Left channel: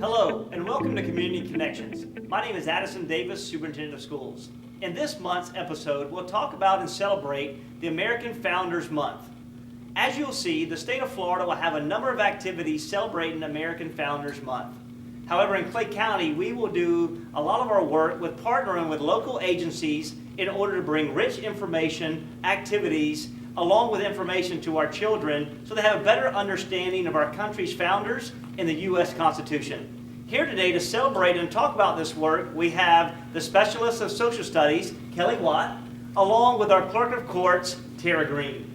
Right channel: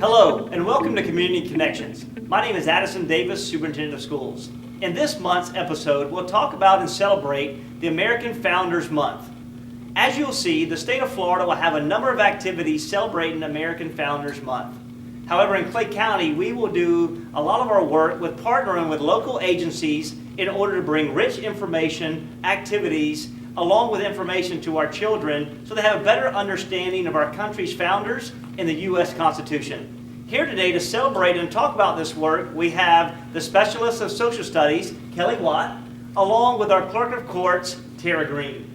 Hello, and welcome to Community Connections. My name is Addison Davis, Superintendent of Schools. In this month's episode, we'll talk about and celebrate the American Founders Month. As you'll see, the state of Florida will have a number of activities celebrating American Founders Month. However, in Clay County, we will do a lot of our work with partnering with local agencies in order to bring rich information, activities, along with information to our children so they have a better understanding of our country's founders and the U.S. Constitution. Here today to celebrate and talk about this work, we have the Specialist of Social Studies, Kelly Watt, along with our Clerk of Courts, Tara Green.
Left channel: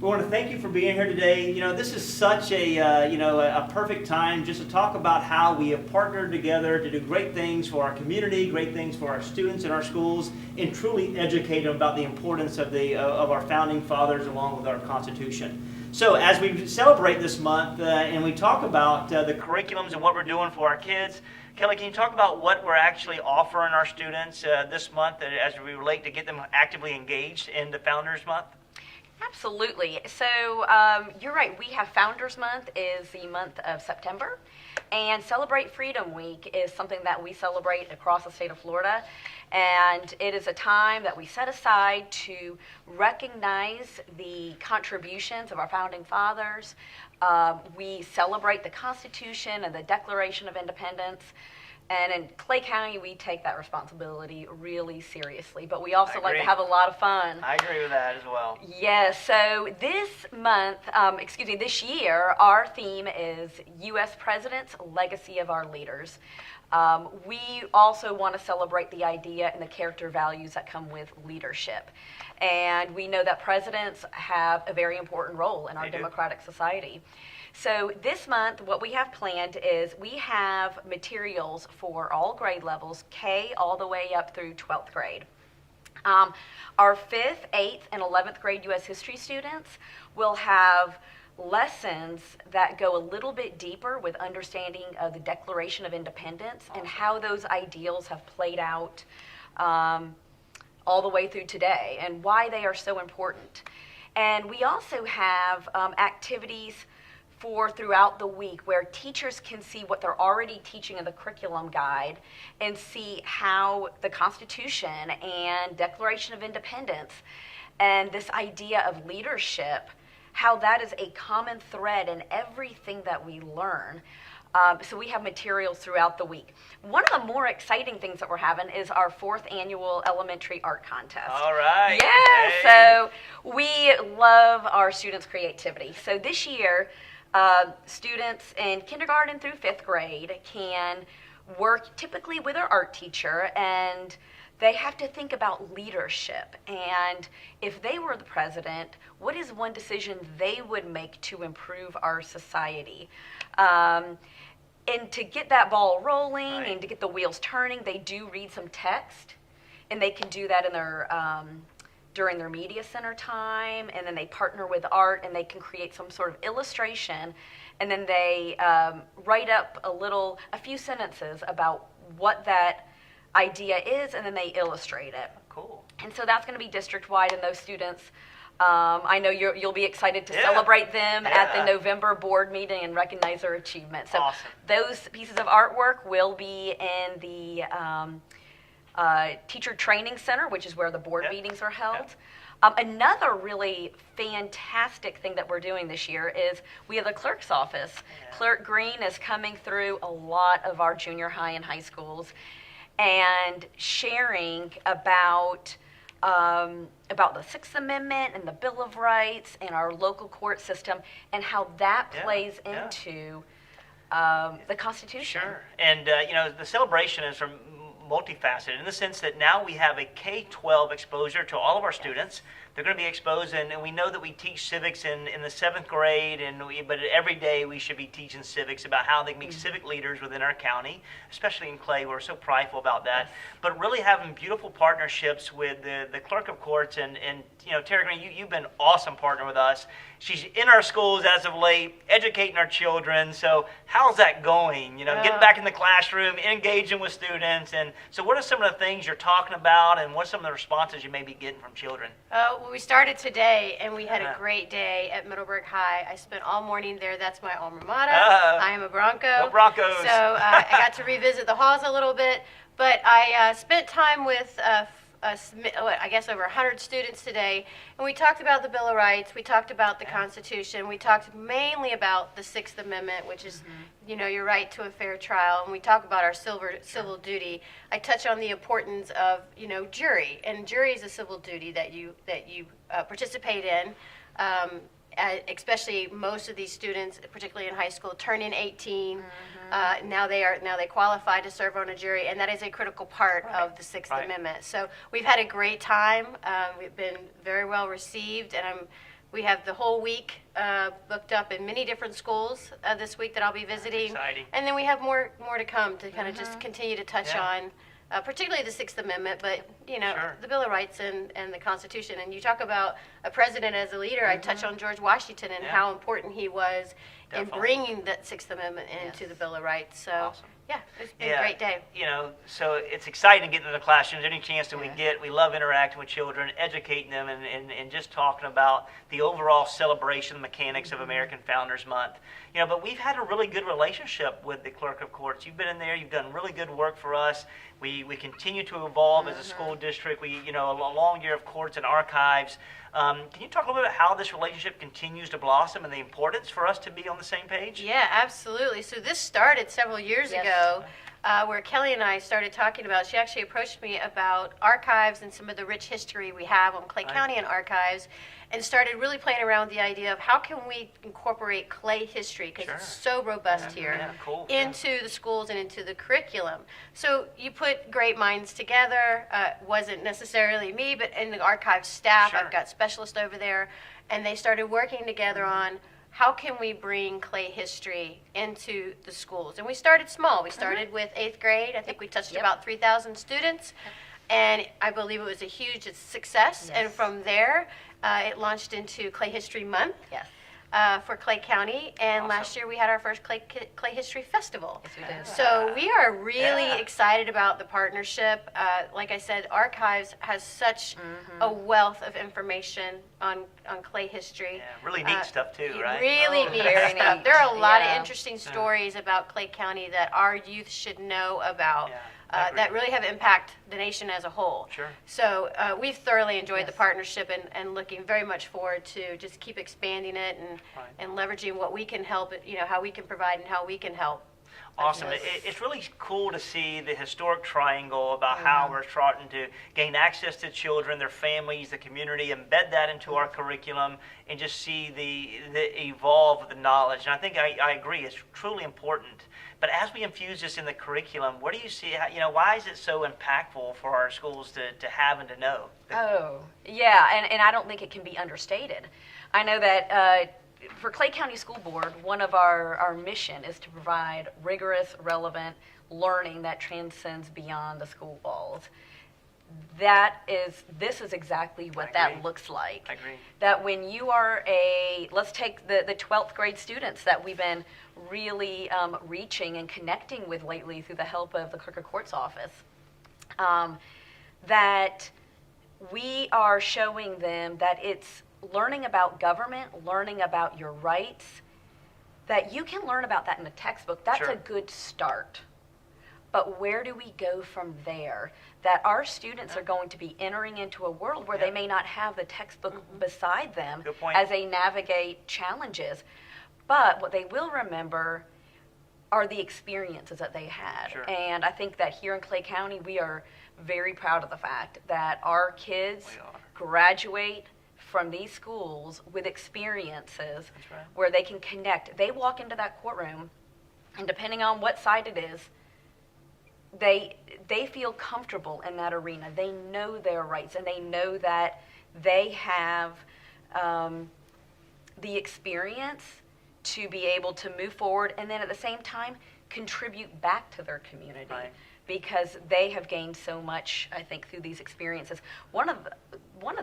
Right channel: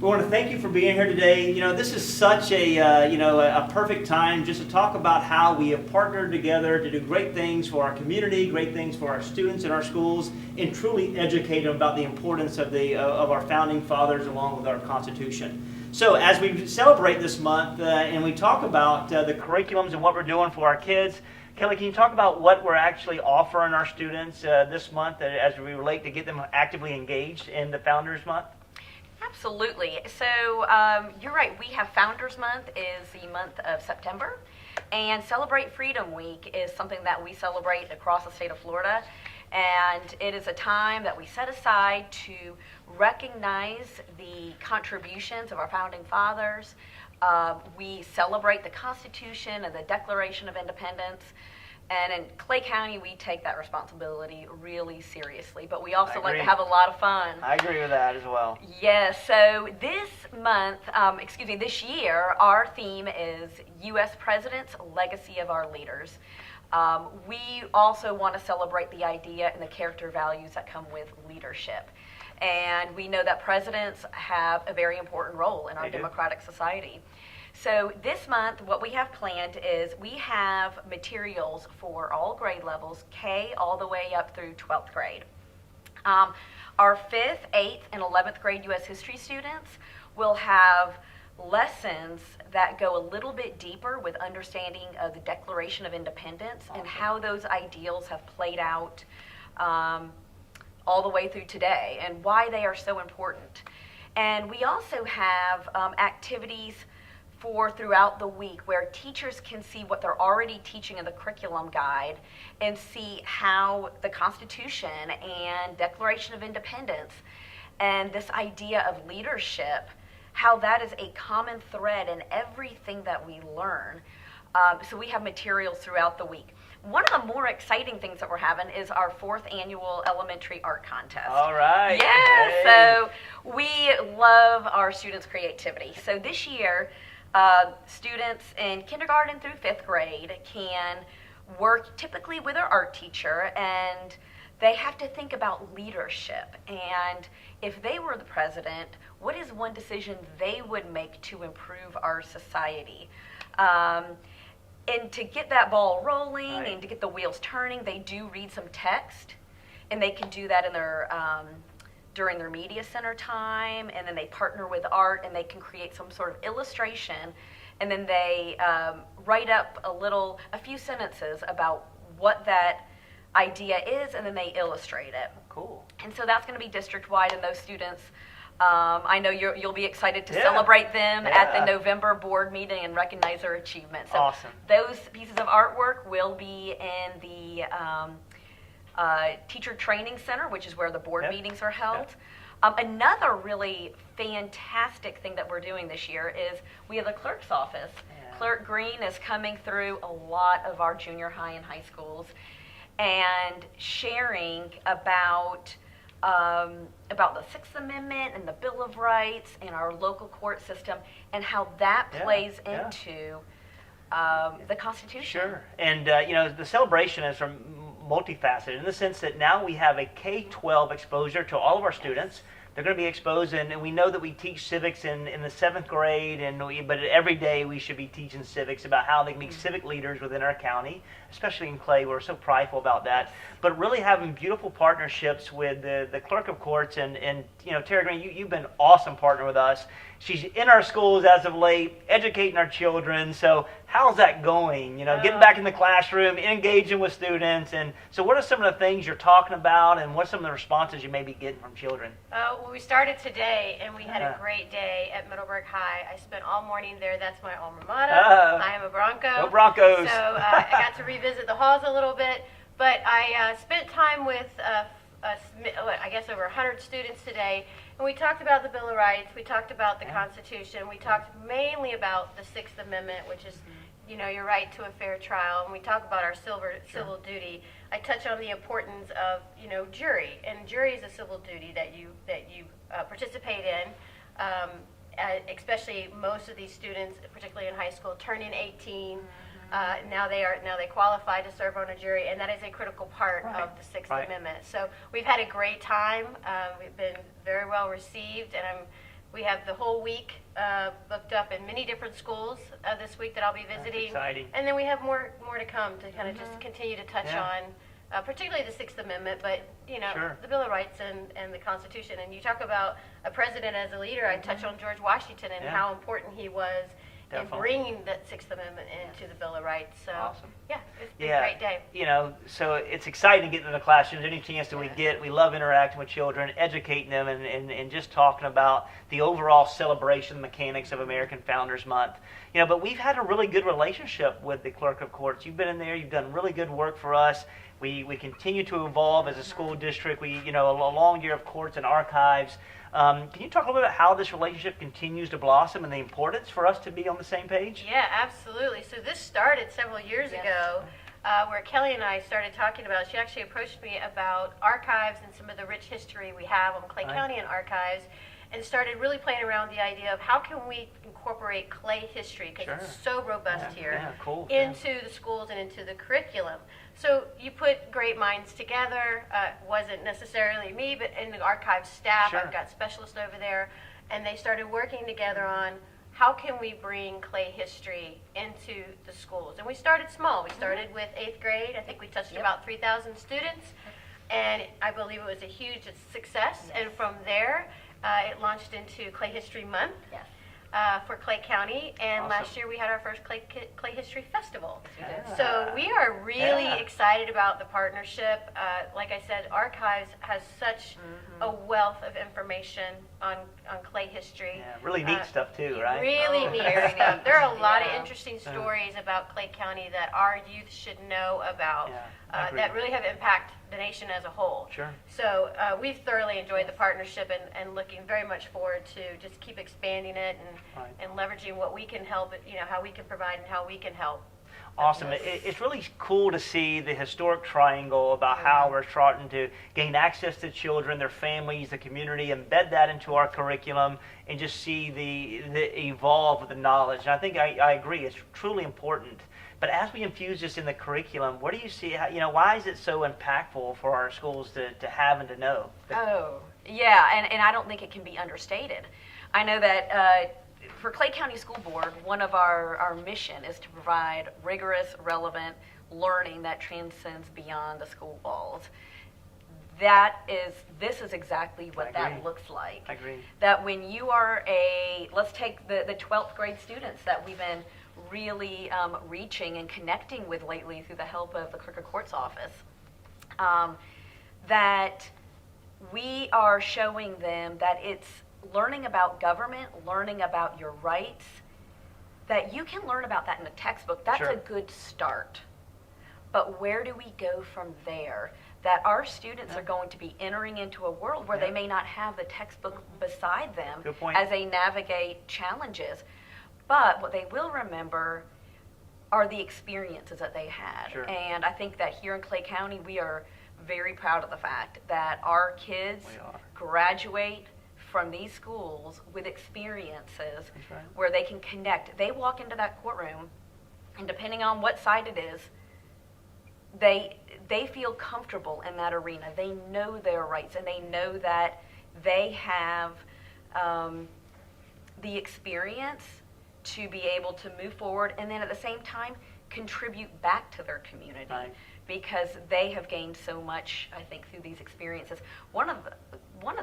We want to thank you for being here today. You know, this is such a perfect time just to talk about how we have partnered together to do great things for our community, great things for our students in our schools, and truly educate them about the importance of our founding fathers along with our Constitution. So as we celebrate this month and we talk about the curriculums and what we're doing for our kids, Kelly, can you talk about what we're actually offering our students this month as we relate to get them actively engaged in the Founders Month? Absolutely. So you're right. We have Founders Month is the month of September, and Celebrate Freedom Week is something that we celebrate across the state of Florida. And it is a time that we set aside to recognize the contributions of our founding fathers. We celebrate the Constitution and the Declaration of Independence. And in Clay County, we take that responsibility really seriously, but we also like to have a lot of fun. I agree with that as well. Yes, so this month, this year, our theme is U.S. Presidents, Legacy of Our Leaders. We also want to celebrate the idea and the character values that come with leadership. And we know that presidents have a very important role in our democratic society. So this month, what we have planned is we have materials for all grade levels, K all the way up through 12th grade. Our 5th, 8th, and 11th grade U.S. history students will have lessons that go a little bit deeper with understanding of the Declaration of Independence and how those ideals have played out all the way through today and why they are so important. And we also have activities for throughout the week where teachers can see what they're already teaching in the curriculum guide and see how the Constitution and Declaration of Independence and this idea of leadership, how that is a common thread in everything that we learn. So we have materials throughout the week. One of the more exciting things that we're having is our 4th annual elementary art contest. All right. Yeah, Hey. So we love our students' creativity. So this year, students in kindergarten through 5th grade can work typically with our art teacher, and they have to think about leadership. And if they were the president, what is one decision they would make to improve our society? And to get that ball rolling and to get the wheels turning, they do read some text, and they can do that in their during their media center time, and then they partner with art and they can create some sort of illustration, and then they write up a few sentences about what that idea is, and then they illustrate it. Cool. And so that's going to be district-wide, and those students, I know you'll be excited to celebrate them at the November board meeting and recognize their achievement. So awesome. Those pieces of artwork will be in the Teacher Training Center, which is where the board meetings are held. Another really fantastic thing that we're doing this year is we have the clerk's office. Clerk Green is coming through a lot of our junior high and high schools and sharing about the Sixth Amendment and the Bill of Rights and our local court system and how that plays into the Constitution. Sure. And, the celebration is multifaceted in the sense that now we have a K-12 exposure to all of our students. They're going to be exposed, and we know that we teach civics in the 7th grade, but every day we should be teaching civics about how they can be civic leaders within our county, especially in Clay. We're so prideful about that. But really having beautiful partnerships with the Clerk of Courts and Tara Green, you've been an awesome partner with us. She's in our schools as of late, educating our children. So how's that going? Getting back in the classroom, engaging with students. And so what are some of the things you're talking about, and what are some of the responses you may be getting from children? Well, we started today, and we had a great day at Middleburg High. I spent all morning there. That's my alma mater. I am a Bronco Bronco. Go Broncos. So I got to revisit the halls a little bit. But I spent time with, I guess, over 100 students today, and we talked about the Bill of Rights, we talked about the Constitution, we talked mainly about the Sixth Amendment, which is, your right to a fair trial, and we talk about our civil duty. I touch on the importance of, jury, and jury is a civil duty that you participate in. Especially most of these students, particularly in high school, turning 18. Now they qualify to serve on a jury, and that is a critical part of the Sixth Amendment. So we've had a great time. We've been very well received, and we have the whole week booked up in many different schools this week that I'll be visiting. That's exciting. And then we have more to come to kind of just continue to touch on. Particularly the Sixth Amendment, but the Bill of Rights and the Constitution. And you talk about a president as a leader. I touch on George Washington and how important he was in bringing that Sixth Amendment into the Bill of Rights. So, awesome. It's been a great day. So it's exciting to get to the classrooms. Any chance that we get, we love interacting with children, educating them, and just talking about the overall celebration mechanics of American Founders Month. But we've had a really good relationship with the Clerk of Courts. You've been in there. You've done really good work for us. We continue to evolve as a school district. A long year of courts and archives. Can you talk a little bit about how this relationship continues to blossom and the importance for us to be on the same page? Yeah, absolutely. So this started several years ago, where Kelly and I started talking about, she actually approached me about archives and some of the rich history we have on Clay County and archives, and started really playing around with the idea of how can we incorporate Clay history, because it's so robust here, into the schools and into the curriculum. So you put great minds together. Wasn't necessarily me, but in the archive staff, I've got specialists over there, and they started working together on how can we bring Clay history into the schools. And we started small. We started with 8th grade. I think we touched about 3,000 students, and I believe it was a huge success. And from there, it launched into Clay History Month for Clay County, and last year we had our first Clay History Festival. So we are really excited about the partnership. Like I said, Archives has such a wealth of information on Clay history. Really neat stuff too, right? Really neat stuff. There are a lot of interesting stories about Clay County that our youth should know about. That really have impacted the nation as a whole. So we've thoroughly enjoyed the partnership and looking very much forward to just keep expanding it and leveraging what we can help, how we can provide and how we can help. Awesome. It's really cool to see the historic triangle about how we're starting to gain access to children, their families, the community, embed that into our curriculum, and just see the evolve of the knowledge. And I think I agree, it's truly important. But as we infuse this in the curriculum, what do you see, why is it so impactful for our schools to have and to know? And I don't think it can be understated. I know that for Clay County School Board, one of our mission is to provide rigorous, relevant learning that transcends beyond the school walls. This is exactly what that looks like. I agree. That when you are let's take the 12th grade students that we've been really reaching and connecting with lately through the help of the Clerk of Courts office, that we are showing them that it's learning about government, learning about your rights, that you can learn about that in a textbook. That's a good start. But where do we go from there? That our students are going to be entering into a world where they may not have the textbook beside them as they navigate challenges. But what they will remember are the experiences that they had. And I think that here in Clay County, we are very proud of the fact that our kids graduate from these schools with experiences where they can connect. They walk into that courtroom, and depending on what side it is, they feel comfortable in that arena. They know their rights, and they know that they have the experience to be able to move forward, and then at the same time contribute back to their community, because they have gained so much, I think, through these experiences. One of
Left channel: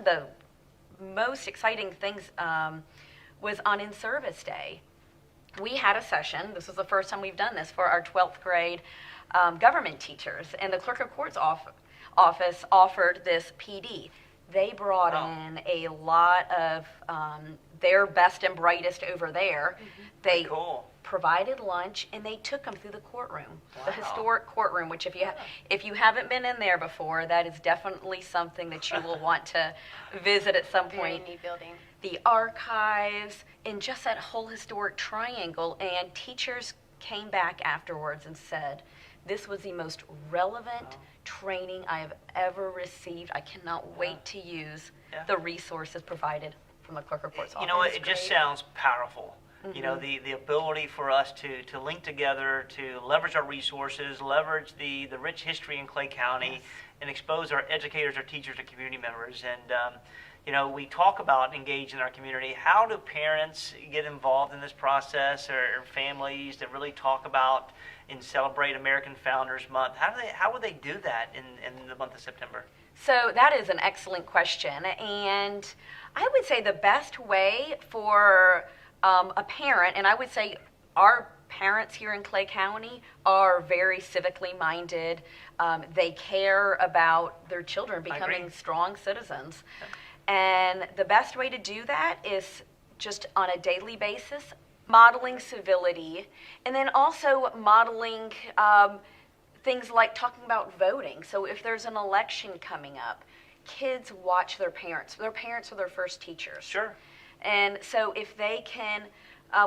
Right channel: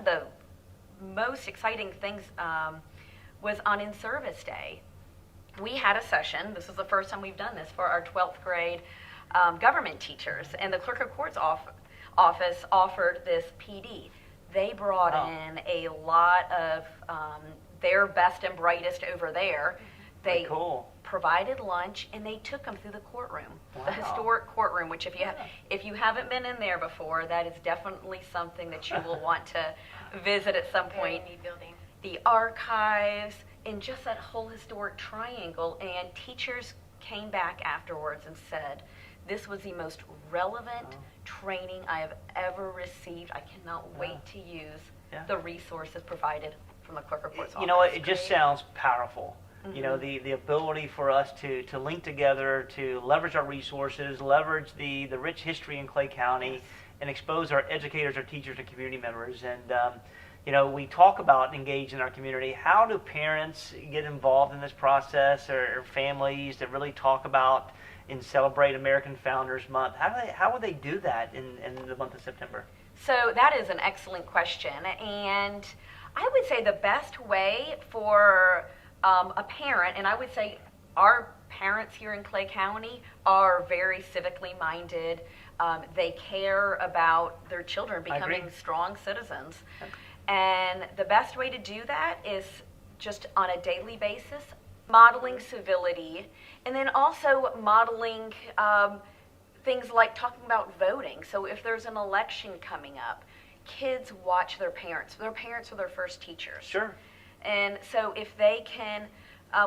the most exciting things was on In-Service Day. We had a session, this was the first time we've done this, for our 12th grade government teachers, and the Clerk of Courts office offered this PD. They brought in a lot of their best and brightest over there. They provided lunch, and they took them through the courtroom, Wow. the historic courtroom. Which, if you haven't been in there before, that is definitely something that you will want to visit at some Very point. neat building. The archives, and just that whole historic triangle. And teachers came back afterwards and said, this was the most relevant training I have ever received. I cannot wait to use the resources provided from the clerk of court's office. You know, it just sounds powerful. You know, Mm-hmm. the ability for us to link together, to leverage our resources, leverage the rich history in Clay County, and expose our educators, our teachers, our community members. And, you know, we talk about engaging our community. How do parents get involved in this process, or families that really talk about and celebrate American Founders Month? How would they do that in the month of September? So that is an excellent question, and I would say the best way for a parent, and I would say our parents here in Clay County are very civically minded. They care about their children becoming strong citizens. And the best way to do that is just on a daily basis, modeling civility, and then also modeling things like talking about voting. So if there's an election coming up, kids watch their parents. Their parents are their first teachers. Sure. And so if they can,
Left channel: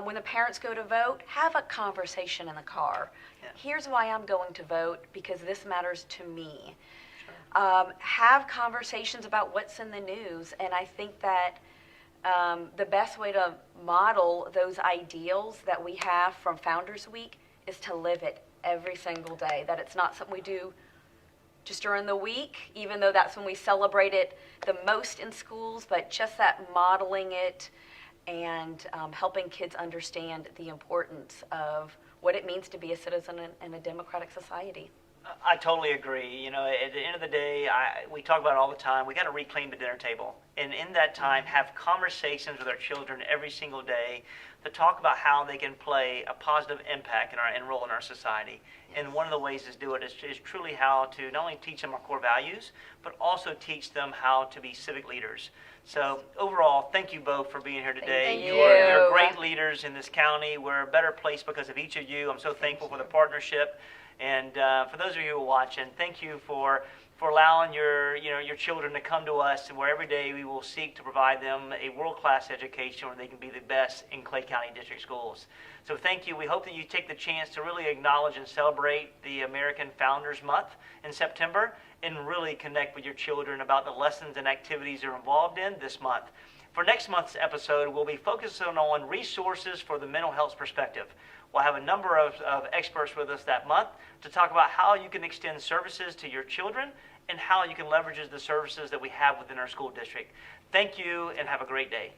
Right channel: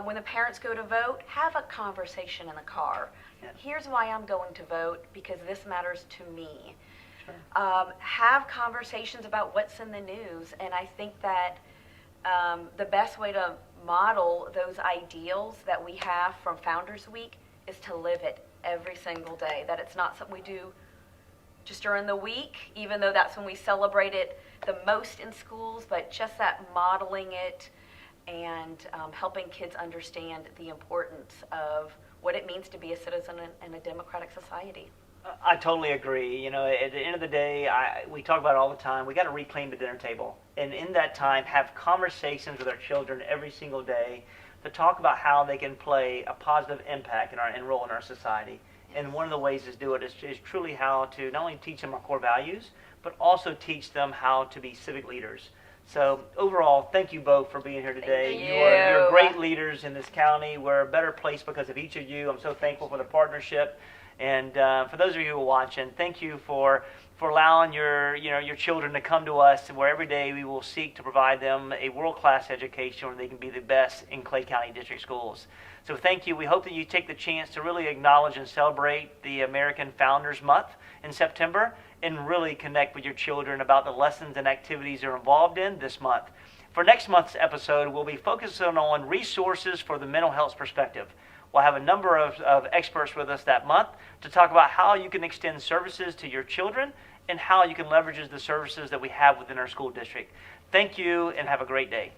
when the parents go to vote, have a conversation in the car. Yeah. Here's why I'm going to vote, because this matters to me. Sure. Have conversations about what's in the news. And I think that the best way to model those ideals that we have from Founders Week is to live it every single day. That it's not something we do just during the week, even though that's when we celebrate it the most in schools, but just that modeling it and helping kids understand the importance of what it means to be a citizen in a democratic society. I totally agree. You know, at the end of the day, we talk about it all the time. We got to reclaim the dinner table, and in that time, have conversations with our children every single day to talk about how they can play a positive impact and role in our society. And one of the ways to do it is truly how to not only teach them our core values, but also teach them how to be civic leaders. So overall, thank you both for being here today. Thank You're you. great leaders in this county. We're a better place because of each of you. I'm so thankful for the partnership. And for those of you who are watching, thank you for allowing your children to come to us, where every day we will seek to provide them a world-class education where they can be the best in Clay County District Schools. So thank you. We hope that you take the chance to really acknowledge and celebrate the American Founders Month in September, and really connect with your children about the lessons and activities they're involved in this month. For next month's episode, we'll be focusing on resources for the mental health perspective. We'll have a number of experts with us that month to talk about how you can extend services to your children and how you can leverage the services that we have within our school district. Thank you, and have a great day.